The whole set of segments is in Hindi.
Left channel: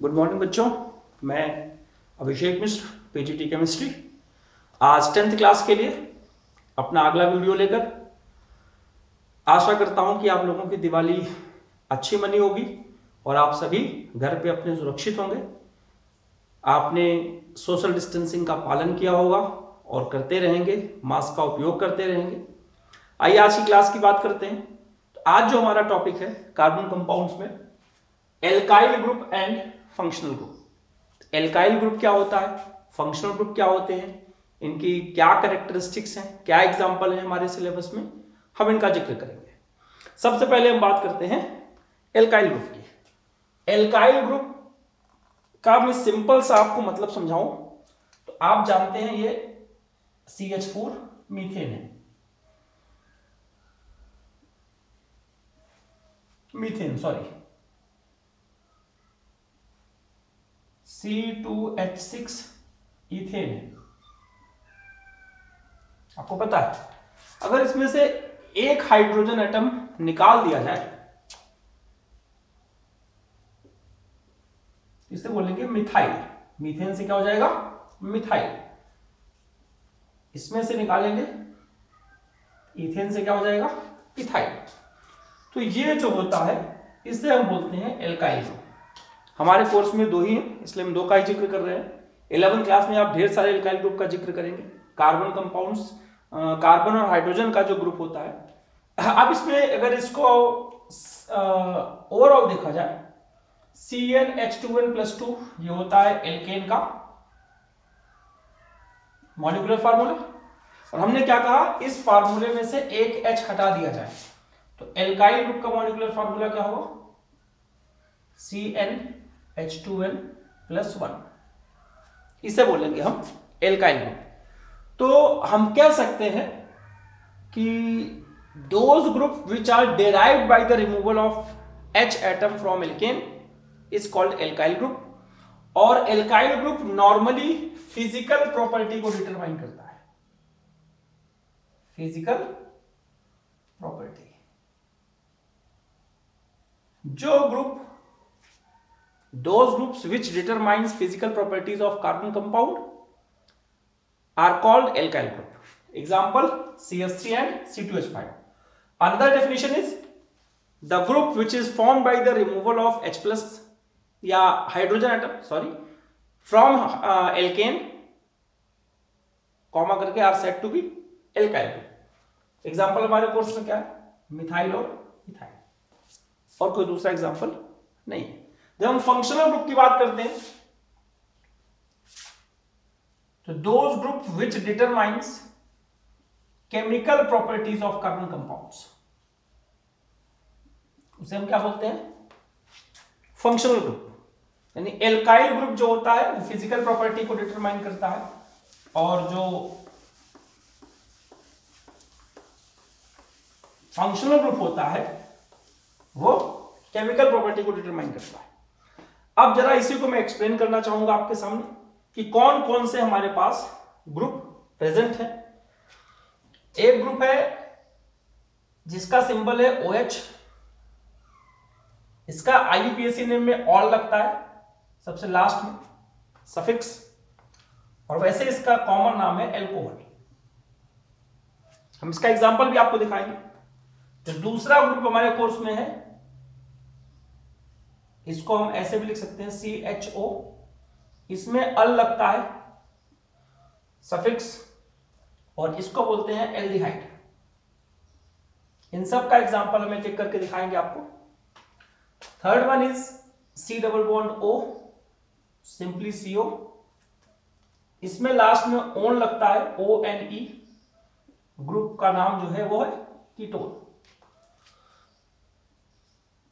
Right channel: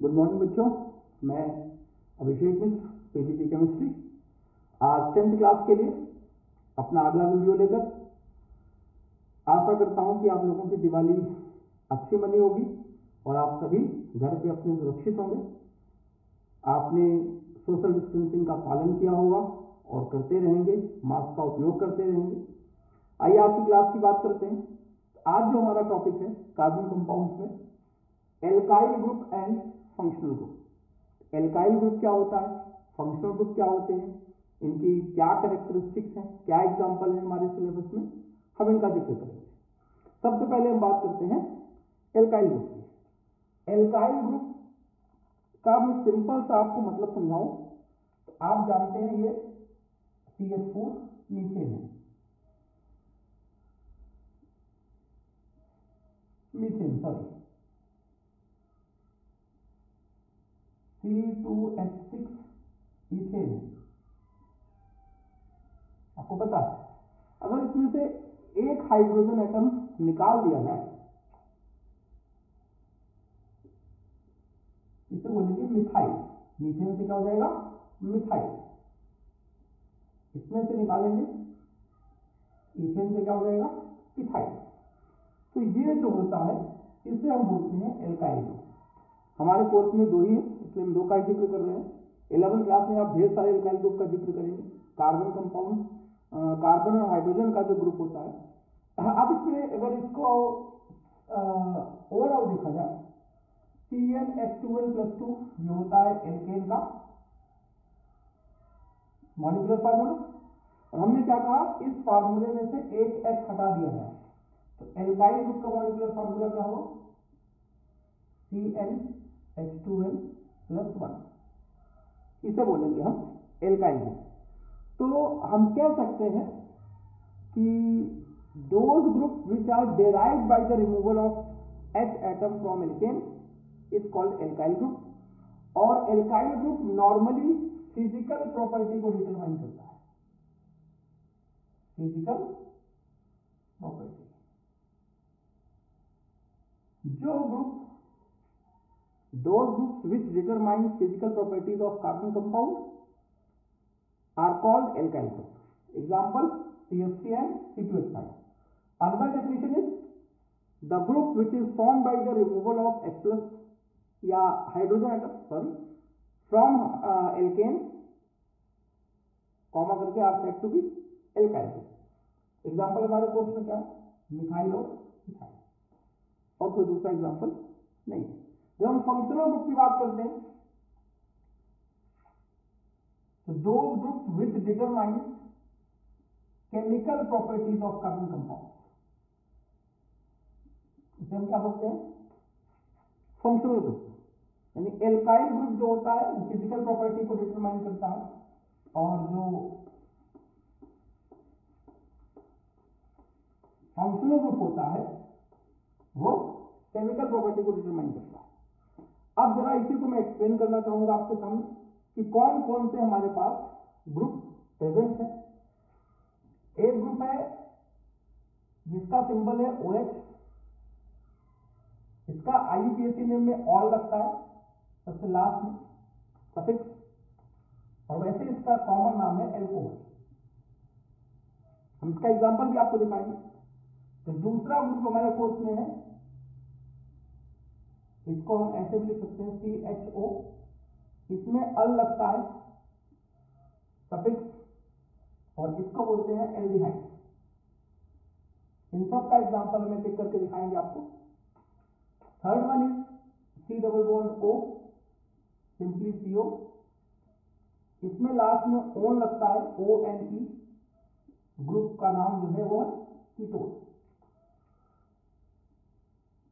गुड मॉर्निंग बच्चों, मैं अभिषेक मिश्र, पीजीटी केमिस्ट्री। आज 10th क्लास के लिए अपना अगला वीडियो लेकर आशा करता हूं कि आप लोगों की दिवाली अच्छी मनी होगी और आप सभी घर पे अपने सुरक्षित होंगे। आपने सोशल डिस्टेंसिंग का पालन किया होगा और करते रहेंगे, मास्क का उपयोग करते रहेंगे। आइए आज की क्लास की बात करते हैं। तो आज जो हमारा टॉपिक है कार्बन कंपाउंड्स में alkyl group and functional group. Alkyl group क्या होता है, फंक्शनल ग्रुप क्या होते हैं, इनकी क्या कैरेक्टरिस्टिक्स हैं, क्या एग्जांपल हैं हमारे सिलेबस में, हम इनका जिक्र करेंगे। सबसे पहले हम बात करते हैं एल्काइल ग्रुप की। एल्काइल ग्रुप का मैं सिंपल सा आपको मतलब समझाऊं तो आप जानते हैं ये CH4 मीथेन है, मीथेन सॉरी C2H6 इथेन है। आपको पता है अगर इसमें से एक हाइड्रोजन एटम निकाल दिया जाए इसे बोलेंगे मिथाइल। मीथेन से क्या हो जाएगा, मिथाइल। इसमें से निकालेंगे इथेन से क्या हो जाएगा, इथाइल। तो ये जो होता है इसे हम बोलते हैं एल्काइल ग्रुप। हमारे कोर्स में दो ही हैं इसलिए हम दो का ही जिक्र कर रहे हैं। 11th क्लास में आप ढेर सारे एल्काइल ग्रुप का जिक्र करेंगे। कार्बन कंपाउंड्स, कार्बन और हाइड्रोजन का जो ग्रुप होता है। अब इसमें अगर इसको ओवरऑल देखा जाए CnH2n+2 ये होता है एल्केन का मॉलिक्यूलर फार्मूला। और हमने क्या कहा, इस फार्मूले में से एक H हटा दिया जाए तो एल्काइल ग्रुप का मॉलिक्यूलर फार्मूला क्या होगा, CnH2n+1। इसे बोलेंगे हम एल्काइल ग्रुप। तो हम कह सकते हैं कि those group which are derived by the removal of H atom from alkane is called alkyl group। और alkyl group normally physical property को डिटरमाइन करता है, फिजिकल प्रॉपर्टी। जो group those groups which determines physical properties of carbon compound are called alkyl group. Example CH3 and C2H5. Another definition is the group which is formed by the removal of H plus या hydrogen atom from alkane comma करके are said to be alkyl group. Example हमारे कोर्स में क्या है, मिथाइल और इथाइल, और कोई दूसरा एग्जाम्पल नहीं है। जब हम फंक्शनल ग्रुप की बात करते हैं तो those group which determines chemical properties of carbon compounds, उसे हम क्या बोलते हैं, फंक्शनल ग्रुप। यानी एल्काइल ग्रुप जो होता है वो फिजिकल प्रॉपर्टी को डिटरमाइन करता है और जो फंक्शनल ग्रुप होता है वो केमिकल प्रॉपर्टी को डिटरमाइन करता है। अब जरा इसी को मैं एक्सप्लेन करना चाहूंगा आपके सामने कि कौन कौन से हमारे पास ग्रुप प्रेजेंट है। एक ग्रुप है जिसका सिंबल है OH। इसका IUPAC नेम में ऑल लगता है सबसे लास्ट में, सफिक्स, और वैसे इसका कॉमन नाम है एल्कोहल। हम इसका एग्जांपल भी आपको दिखाएंगे। जो दूसरा ग्रुप हमारे कोर्स में है इसको हम ऐसे भी लिख सकते हैं CHO। इसमें अल लगता है सफिक्स और इसको बोलते हैं एल्डिहाइड। इन सब का एग्जांपल हम एक एक करके दिखाएंगे आपको। Third one is C double bond O, simply CO। इसमें लास्ट में ओन लगता है ONE। ग्रुप का नाम जो है वो है ketone.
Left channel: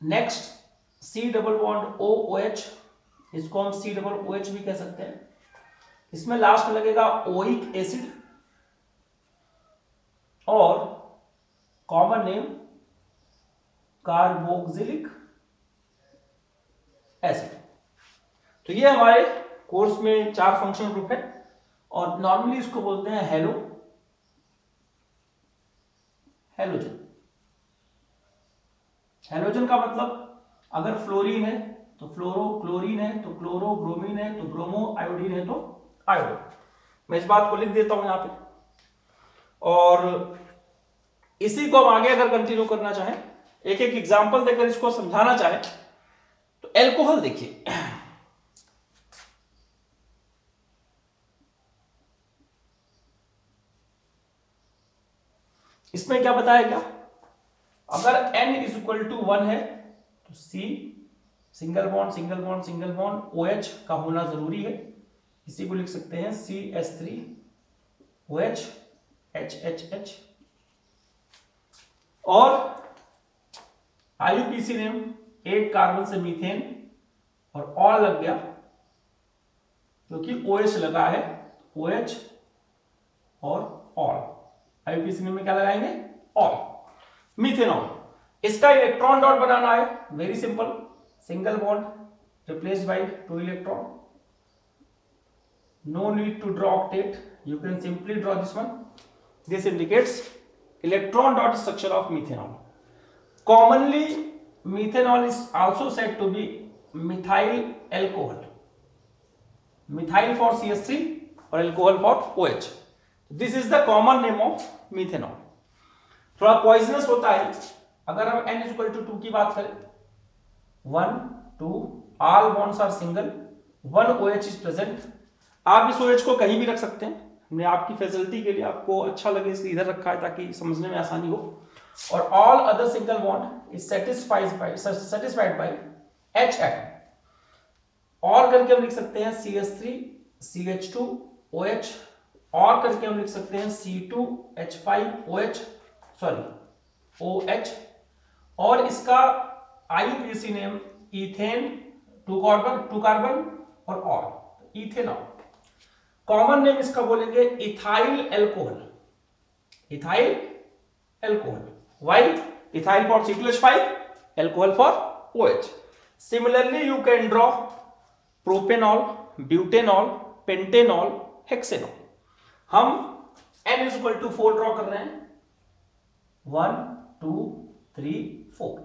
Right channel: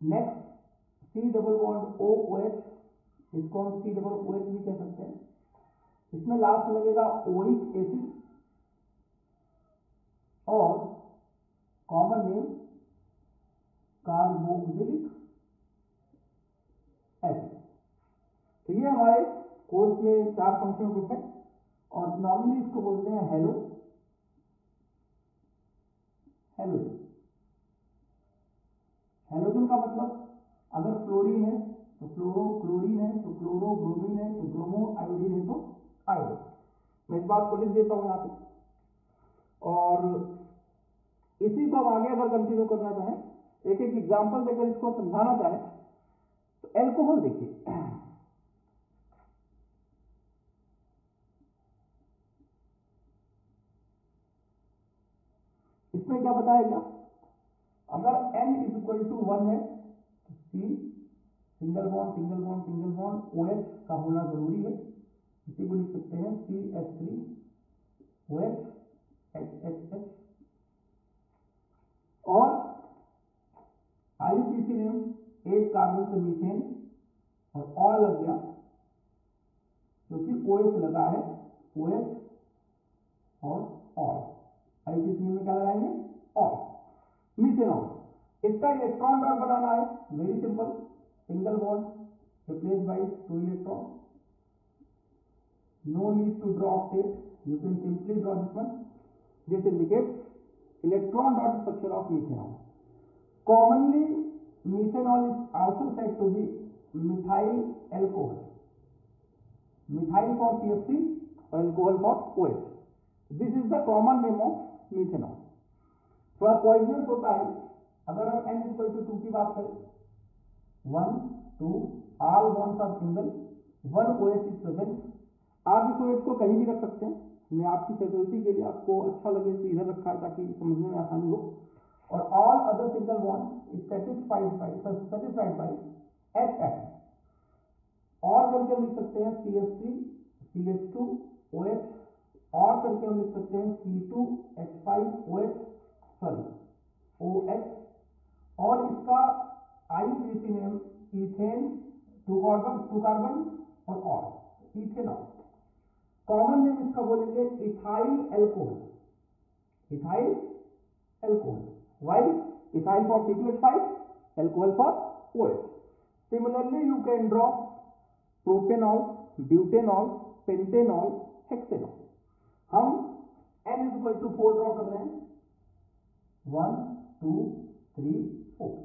Next C double bond OOH, इसको हम C डबल OH भी कह सकते हैं। इसमें लास्ट में लगेगा ओइक एसिड और कॉमन नेम कार्बोक्सिलिक एसिड। तो ये हमारे कोर्स में 4 फंक्शनल ग्रुप है और नॉर्मली इसको बोलते हैं हेलोजन। हेलोजन का मतलब अगर फ्लोरीन है तो फ्लोरो, क्लोरीन, क्लोरीन है तो क्लोरो, ब्रोमीन है तो ब्रोमो, आयोडीन है तो आयोडो। मैं इस बात को लिख देता हूं यहां पे, और इसी को हम आगे अगर कंटिन्यू करना चाहें, एक एक एग्जांपल देकर इसको समझाना चाहें, तो एल्कोहल देखिए, इसमें क्या बताया गया, अगर n इज इक्वल टू 1 है तो C single bond single bond single bond OH का होना जरूरी है। इसी को लिख सकते हैं CH3 OH HHH। और IUPAC नेम, एक कार्बन से मीथेन और ऑल लग गया क्योंकि OH लगा है, OH और ऑल, IUPAC नेम में क्या लगाएंगे, ऑल, मीथेनॉल। इसका इलेक्ट्रॉन डॉट बनाना है, very simple, single bond replaced by 2 electron, no need to draw octet, you can simply draw this one. This indicates electron dot structure of methanol. Commonly methanol is also said to be methyl alcohol, methyl for CH3 और alcohol for OH. This is the common name of methanol. थोड़ा पॉइजनस होता है अगर हम n इक्वल टू 2 की बात करें, 1 2 all bonds are single, 1 OH is present। आप इस OH को कहीं भी रख सकते हैं, मैं आपकी फैसिलिटी के लिए, आपको अच्छा लगे इसलिए इधर रखा है ताकि समझने में आसानी हो। और all other single bond is satisfied by H atom. और करके हम लिख सकते हैं CH3 CH2 OH, और करके हम लिख सकते हैं C2 H5 OH, sorry OH, और इसका IUPAC नेम इथेन, 2 कार्बन और ऑल, इथेनॉल। कॉमन नेम इसका बोलेंगे ethyl alcohol, ethyl alcohol. Why? Ethyl for C2H5, alcohol for OH। Similarly you can draw propanol, butanol, pentanol, hexanol. हम n is equal to 4 draw कर रहे हैं, 1 2 3 4।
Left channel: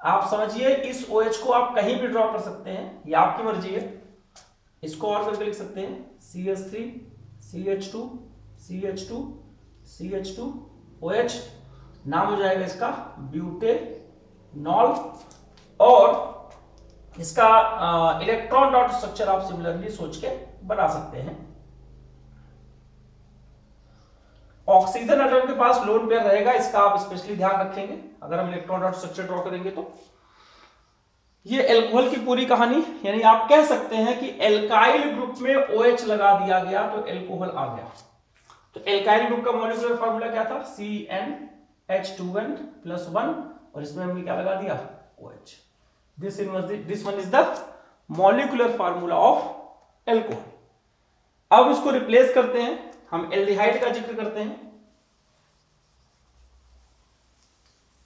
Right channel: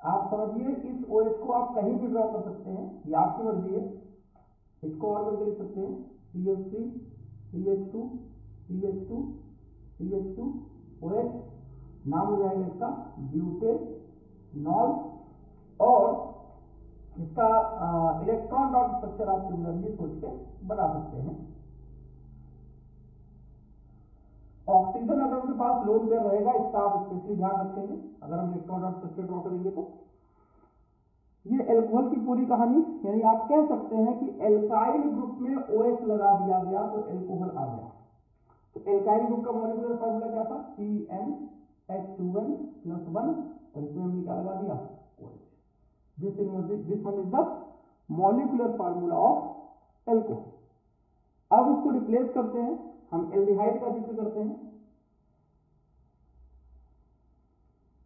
आप समझिए इस OH को आप कहीं भी ड्रॉ कर सकते हैं, ये आपकी मर्जी है। इसको और करके लिख सकते हैं CH3 CH2 CH2 CH2 OH, नाम हो जाएगा इसका ब्यूटेनॉल। और इसका इलेक्ट्रॉन डॉट स्ट्रक्चर आप सिमिलरली सोच के बना सकते हैं। ऑक्सीजन एटम के पास लोन पेयर रहेगा, इसका आप स्पेशली ध्यान रखेंगे अगर हम इलेक्ट्रॉन डॉट स्ट्रक्चर ड्रॉ करेंगे तो। ये एल्कोहल की पूरी कहानी, यानी आप कह सकते हैं कि एल्काइल ग्रुप में OH लगा दिया गया तो एल्कोहल आ गया। तो एल्काइल ग्रुप का मॉलिक्यूलर फार्मूला क्या था, CnH2n+1, और इसमें हमने क्या लगा दिया, OH। This one is the molecular formula of alcohol. अब इसको रिप्लेस करते हैं, हम एल्डिहाइड का जिक्र करते हैं।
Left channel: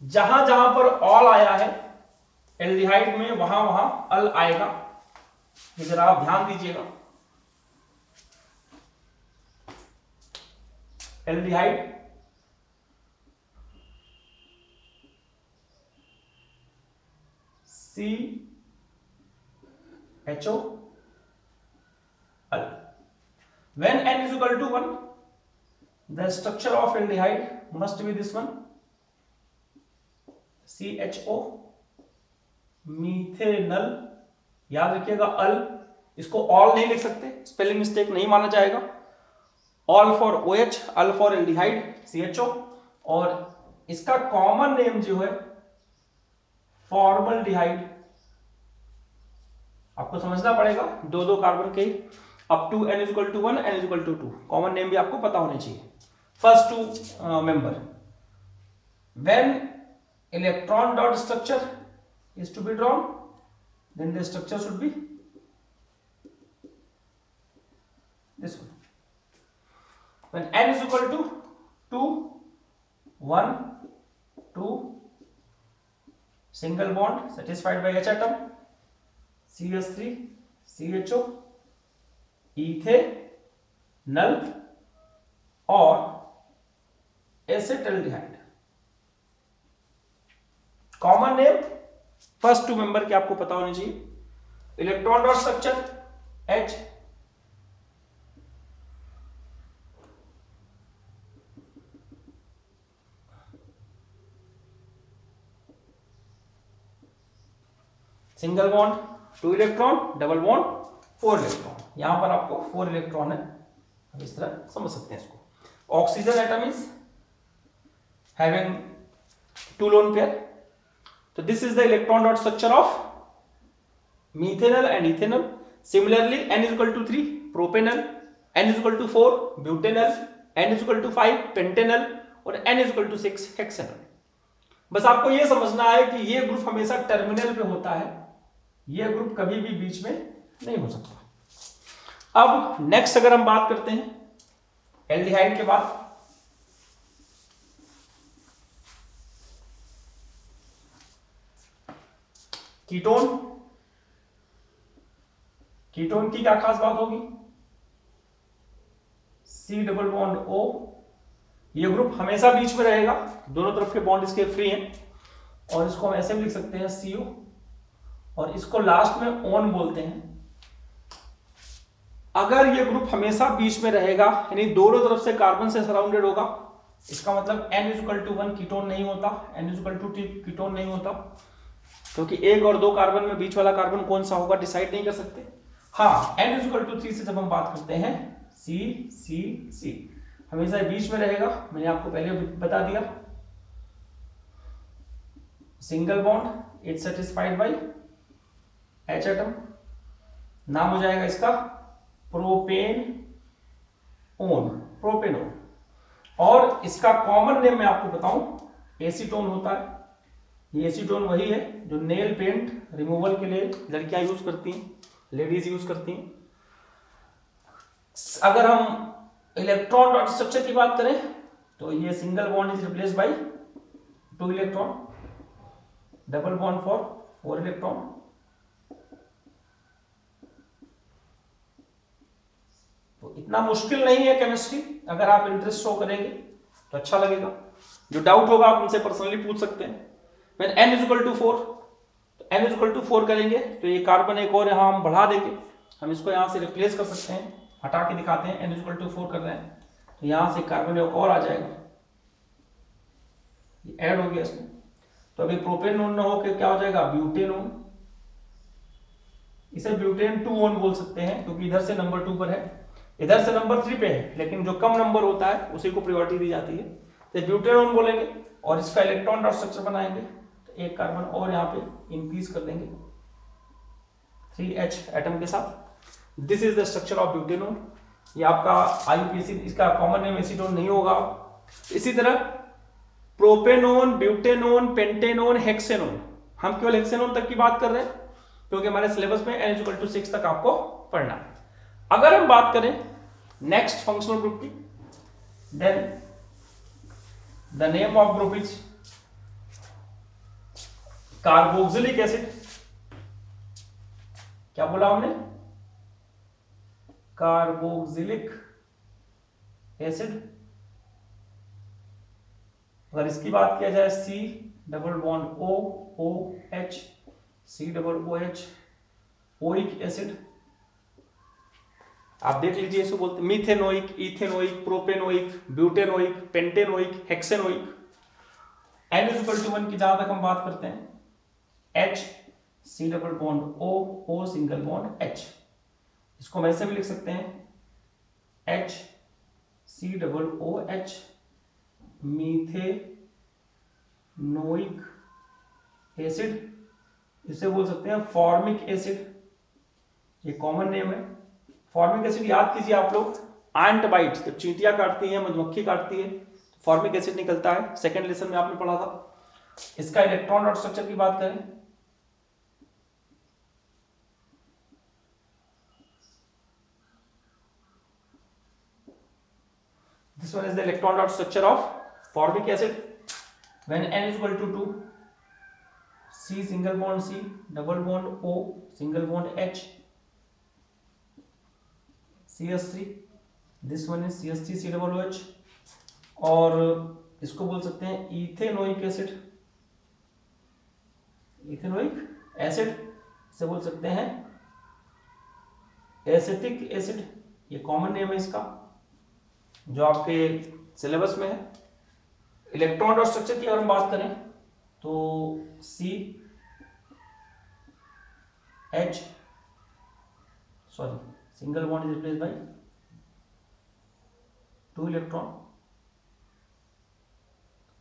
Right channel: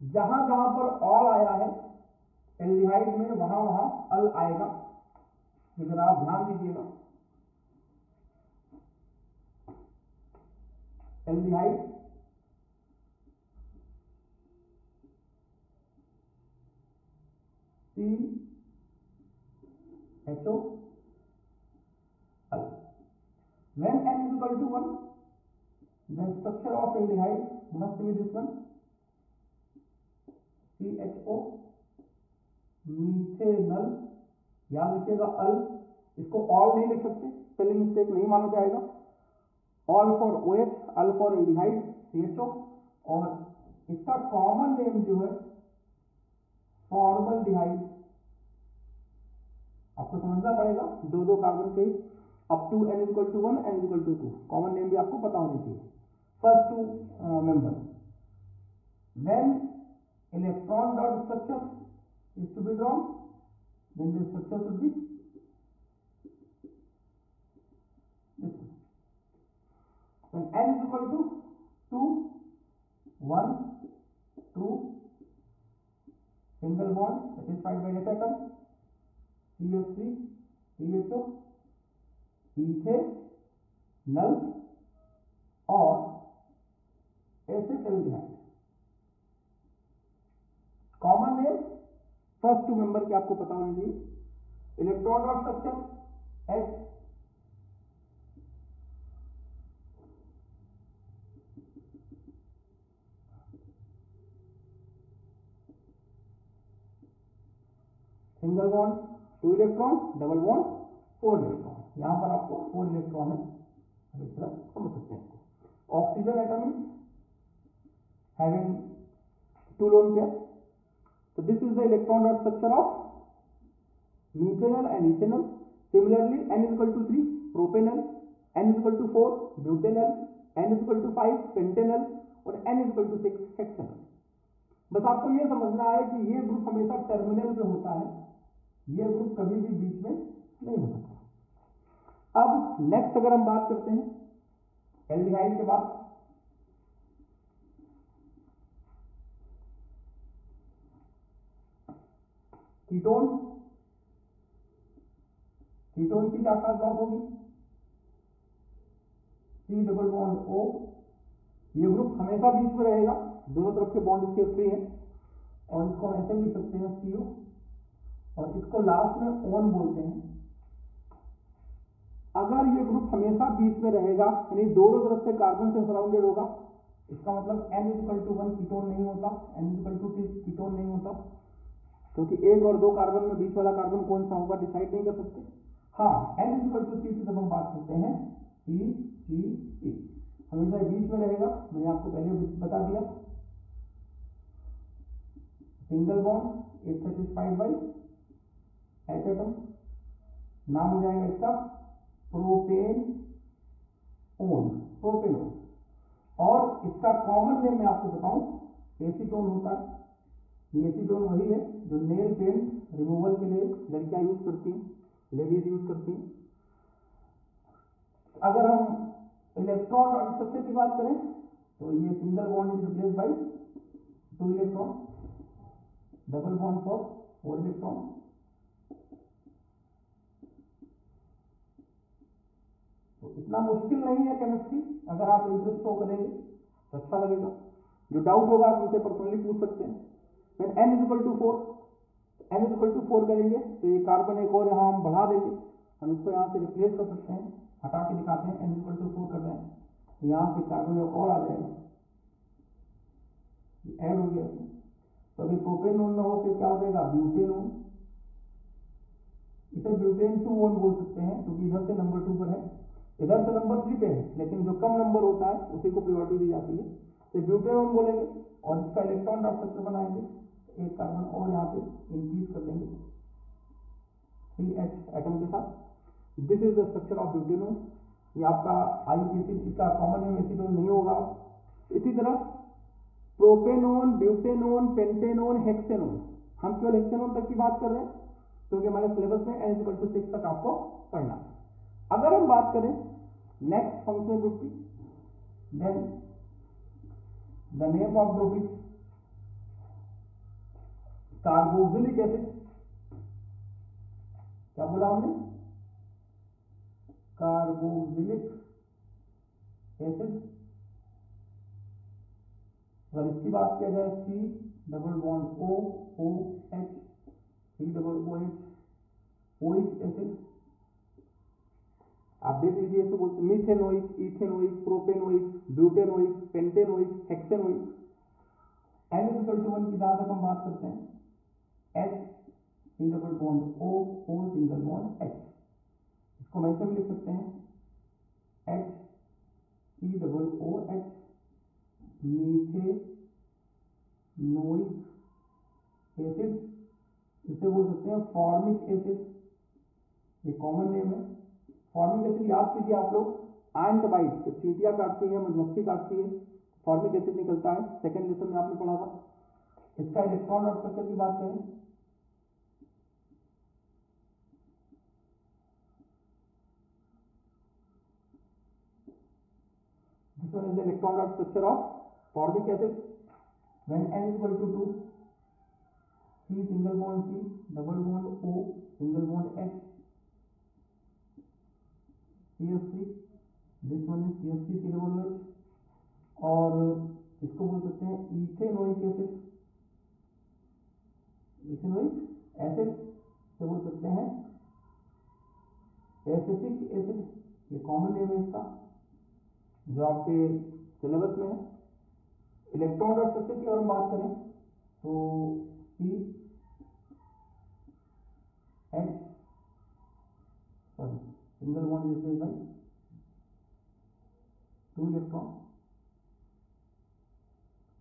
जहां जहां पर ऑल आया है एल्डिहाइड में, वहां वहां अल आएगा, जरा आप ध्यान दीजिएगा। Aldehyde CHO al. When n is equal to 1, the structure of aldehyde must be this one, CHO, methanal. याद रखिएगा अल, इसको ऑल नहीं लिख सकते, स्पेलिंग मिस्टेक नहीं माना जाएगा। Ol for OH, al for aldehyde CHO, और इसका कॉमन नेम जो है फॉर्मल्डिहाइड। आपको समझना पड़ेगा, दो कार्बन के up to n equal to 1 n equal to 2, common name भी आपको पता होने चाहिए। First two member, when electron dot structure is to be drawn, then the structure should be this one. When n is equal to 2 1 2, single bond satisfied by H atom, CH3 CHO, ethanol और acetaldehyde. Common name first two member के आपको पता होनी चाहिए। Electron dot structure H, single bond 2 electron, double bond 4 electron. यहां पर आपको 4 इलेक्ट्रॉन है, अब इस तरह समझ सकते हैं इसको। Oxygen atom is having 2 lone pair, तो this is the electron dot structure of methanol and ethanol. Similarly, n is equal to 3 propanol, n is equal to 4 butanol, n is equal to 5 pentanol और n is equal to 6 hexanol। बस आपको ये समझना है कि ये ग्रुप हमेशा टर्मिनल पे होता है, ये ग्रुप कभी भी बीच में नहीं हो सकता। अब नेक्स्ट अगर हम बात करते हैं एल्डिहाइड के बाद, कीटोन, कीटोन की क्या खास बात होगी, C डबल बॉन्ड O, ये ग्रुप हमेशा बीच में रहेगा, दोनों तरफ के बॉन्ड इसके फ्री हैं, और इसको हम ऐसे भी लिख सकते हैं CO, और इसको लास्ट में ओन बोलते हैं। अगर ये ग्रुप हमेशा बीच में रहेगा, यानी दोनों तरफ से कार्बन से सराउंडेड होगा, इसका मतलब N is equal to 1 ketone नहीं होता, N is equal to 2 ketone नहीं होता, क्योंकि 1 और 2 कार्बन में बीच वाला कार्बन कौन सा होगा डिसाइड नहीं कर सकते। हाँ, n इज इक्वल टू 3 से जब हम बात करते हैं C C C हमेशा बीच में रहेगा, मैंने आपको पहले बता दिया। Single bond it satisfied by H atom, नाम हो जाएगा इसका प्रोपेन ओन, प्रोपेनोन, और इसका कॉमन नेम मैं आपको बताऊं एसीटोन होता है। ये एसीटोन वही है जो नेल पेंट रिमूवल के लिए लड़कियां यूज करती हैं, लेडीज यूज करती हैं। अगर हम इलेक्ट्रॉन डॉट स्ट्रक्चर की बात करें तो ये single bond is replace by 2 electron, double bond for 4 electron. तो इतना मुश्किल नहीं है केमिस्ट्री, अगर आप इंटरेस्ट शो करेंगे तो अच्छा लगेगा। जो डाउट होगा आप उनसे पर्सनली पूछ सकते हैं। When n is equal to 4, तो n is equal to 4 करेंगे तो ये कार्बन एक और यहाँ हम बढ़ा देंगे, हम इसको यहाँ से रिप्लेस कर सकते हैं, हटा के दिखाते हैं। n is equal to 4 कर रहे हैं तो यहाँ से कार्बन एक और आ जाएगा, ये ऐड हो गया इसमें, तो अभी प्रोपेनोन न होकर क्या हो जाएगा ब्यूटेनोन। इसे ब्यूटेन 2 ओन बोल सकते हैं क्योंकि इधर से नंबर 2 पर है, इधर से नंबर 3 पे है, लेकिन जो कम नंबर होता है उसी को प्रायोरिटी दी जाती है, तो ब्यूटेनोन बोलेंगे और इसका इलेक्ट्रॉन डॉट स्ट्रक्चर बनाएंगे, तो एक कार्बन और यहाँ पे इंक्रीज कर देंगे 3H एटम के साथ। This is the structure of butanone. ये आपका IUPAC, इसका कॉमन नेम एसीटोन नहीं होगा। इसी तरह प्रोपेनोन, ब्यूटेनोन, पेंटेनोन, हेक्सेनोन, हम केवल हेक्सेनोन तक की बात कर रहे हैं क्योंकि हमारे सिलेबस में n = 6 तक आपको पढ़ना है। अगर हम बात करें नेक्स्ट फंक्शनल ग्रुप की, then the name of group is carboxylic acid. क्या बोला हमने, कार्बोक्सिलिक एसिड। अगर इसकी बात किया जाए C double bond O OH, C double OH, oic acid. आप देख लीजिए, इसको बोलते हैं methanoic, ethanoic, propanoic, butanoic, pentanoic, hexanoic. n = 1 की जहां तक हम बात करते हैं H, C double bond O, O single bond H। इसको हम ऐसे भी लिख सकते हैं H, C double OH, methanoic acid. इसे बोल सकते हैं फॉर्मिक एसिड, ये कॉमन नेम है। फॉर्मिक एसिड याद कीजिए आप लोग, एंट बाइट, जब चींटियां काटती हैं, मधुमक्खी काटती है, फॉर्मिक एसिड निकलता है, सेकेंड लेसन में आपने पढ़ा था। इसका इलेक्ट्रॉन डॉट स्ट्रक्चर की बात करें, this one is the electron dot structure of formic acid when n is equal to 2, C single bond C, double bond O, single bond H, CH3, this one is CH3 C double OH, और इसको बोल सकते हैं इथेनोइक एसिड, इथेनोइक एसिड से बोल सकते हैं एसिटिक एसिड, ये कॉमन नेम है इसका जो आपके सिलेबस में है। इलेक्ट्रॉन डॉट स्ट्रक्चर की अगर हम बात करें तो C H single bond is replaced by 2 electron,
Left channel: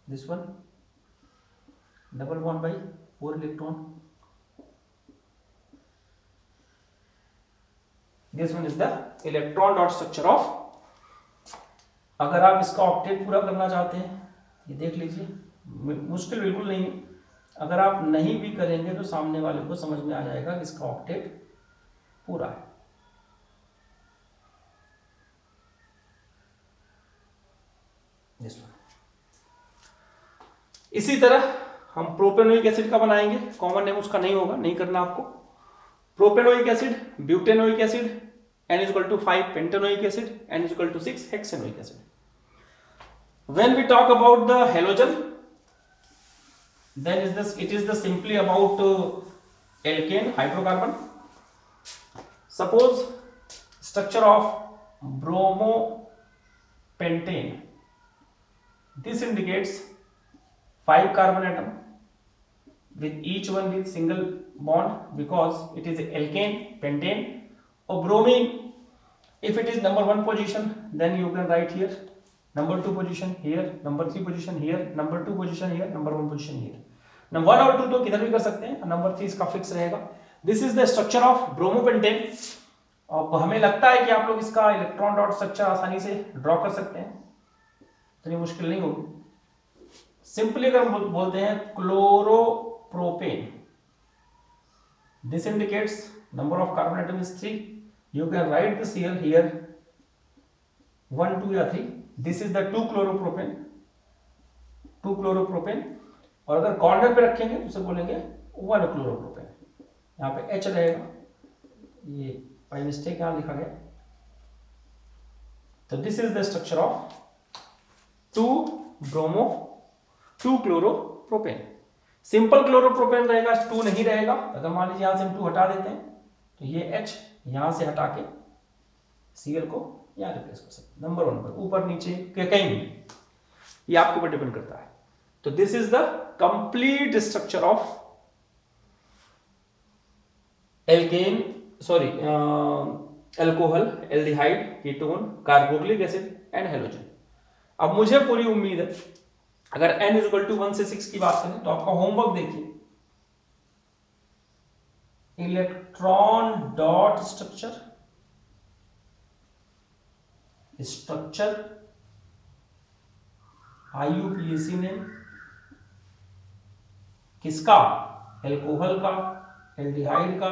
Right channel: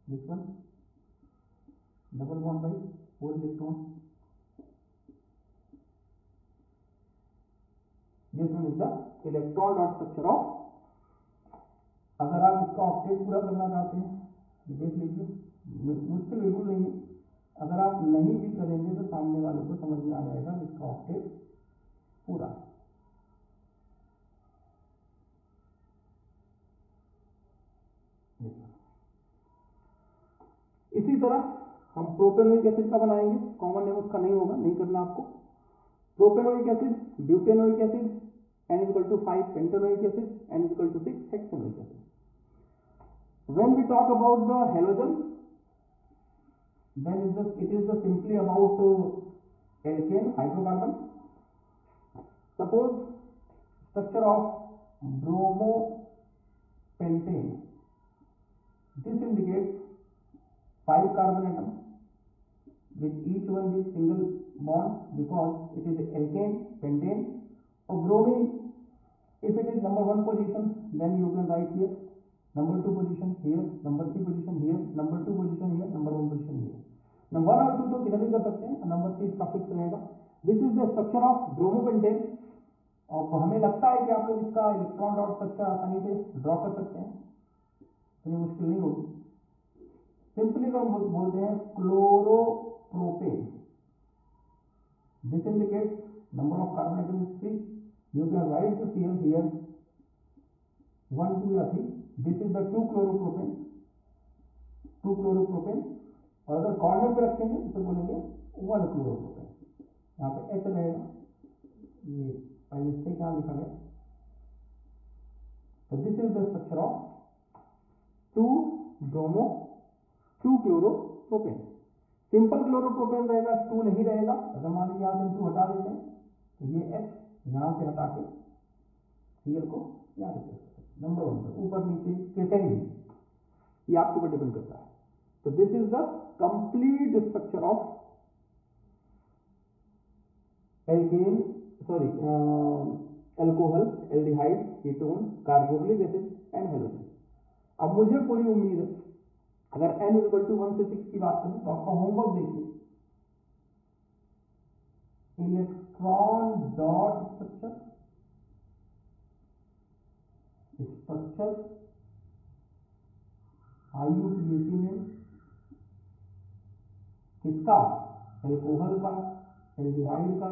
this one double bond by 4 electron, this one is the electron dot structure of. अगर आप इसका ऑक्टेट पूरा करना चाहते हैं, ये देख लीजिए, मुश्किल बिल्कुल नहीं, अगर आप नहीं भी करेंगे तो सामने वाले को समझ में आ जाएगा कि इसका ऑक्टेट पूरा है। इसी तरह हम प्रोपेनोइक एसिड का बनाएंगे, कॉमन नेम उसका नहीं होगा, नहीं करना आपको। Propanoic acid, butanoic acid, N is equal to 5 pentanoic acid, N is equal to 6 hexanoic acid. When we talk about the halogen, then it is the simply about alkane hydrocarbon. Suppose structure of bromopentane. This indicates 5 carbon atom with each one with single bond because it is alkane pentane. Or bromine, if it is number 1 position, then you can write here number 2 position here, number 3 position here, number 2 position here, number 1 position here. Number 1 और 2 तो किधर भी कर सकते हैं, नंबर 3 इसका फिक्स रहेगा। This is the structure of bromopentane. अब हमें लगता है कि आप लोग इसका इलेक्ट्रॉन डॉट स्ट्रक्चर आसानी से ड्रॉ कर सकते हैं, इतनी मुश्किल नहीं होगी। सिंपली अगर हम बोलते हैं chloropropane, this indicates number of carbon atom is 3. You can write this here 1 2 या 3. This is the 2 chloropropane, और अगर कॉर्नर पे रखेंगे तो उसे बोलेंगे 1 chloropropane। यहाँ पे H रहेगा, ये बाय मिस्टेक यहाँ लिखा गया। तो this is the structure of 2 chloropropane। Simple chloropropane रहेगा, 2 नहीं रहेगा। अगर मान लीजिए यहां से हम 2 हटा देते हैं तो ये H यहां से हटा के Cl को यहां रिप्लेस कर सकते हैं, नंबर 1 पर, ऊपर नीचे कहीं भी, ये आपके ऊपर डिपेंड करता है। तो this is the complete structure of alkene alcohol, aldehyde, ketone, carboxylic acid and halogen. अब मुझे पूरी उम्मीद है अगर n इज इक्वल टू 1 से 6 की बात करें तो आपका होमवर्क देखिए, electron dot structure IUPAC name किसका, एल्कोहल का, एल्डिहाइड का,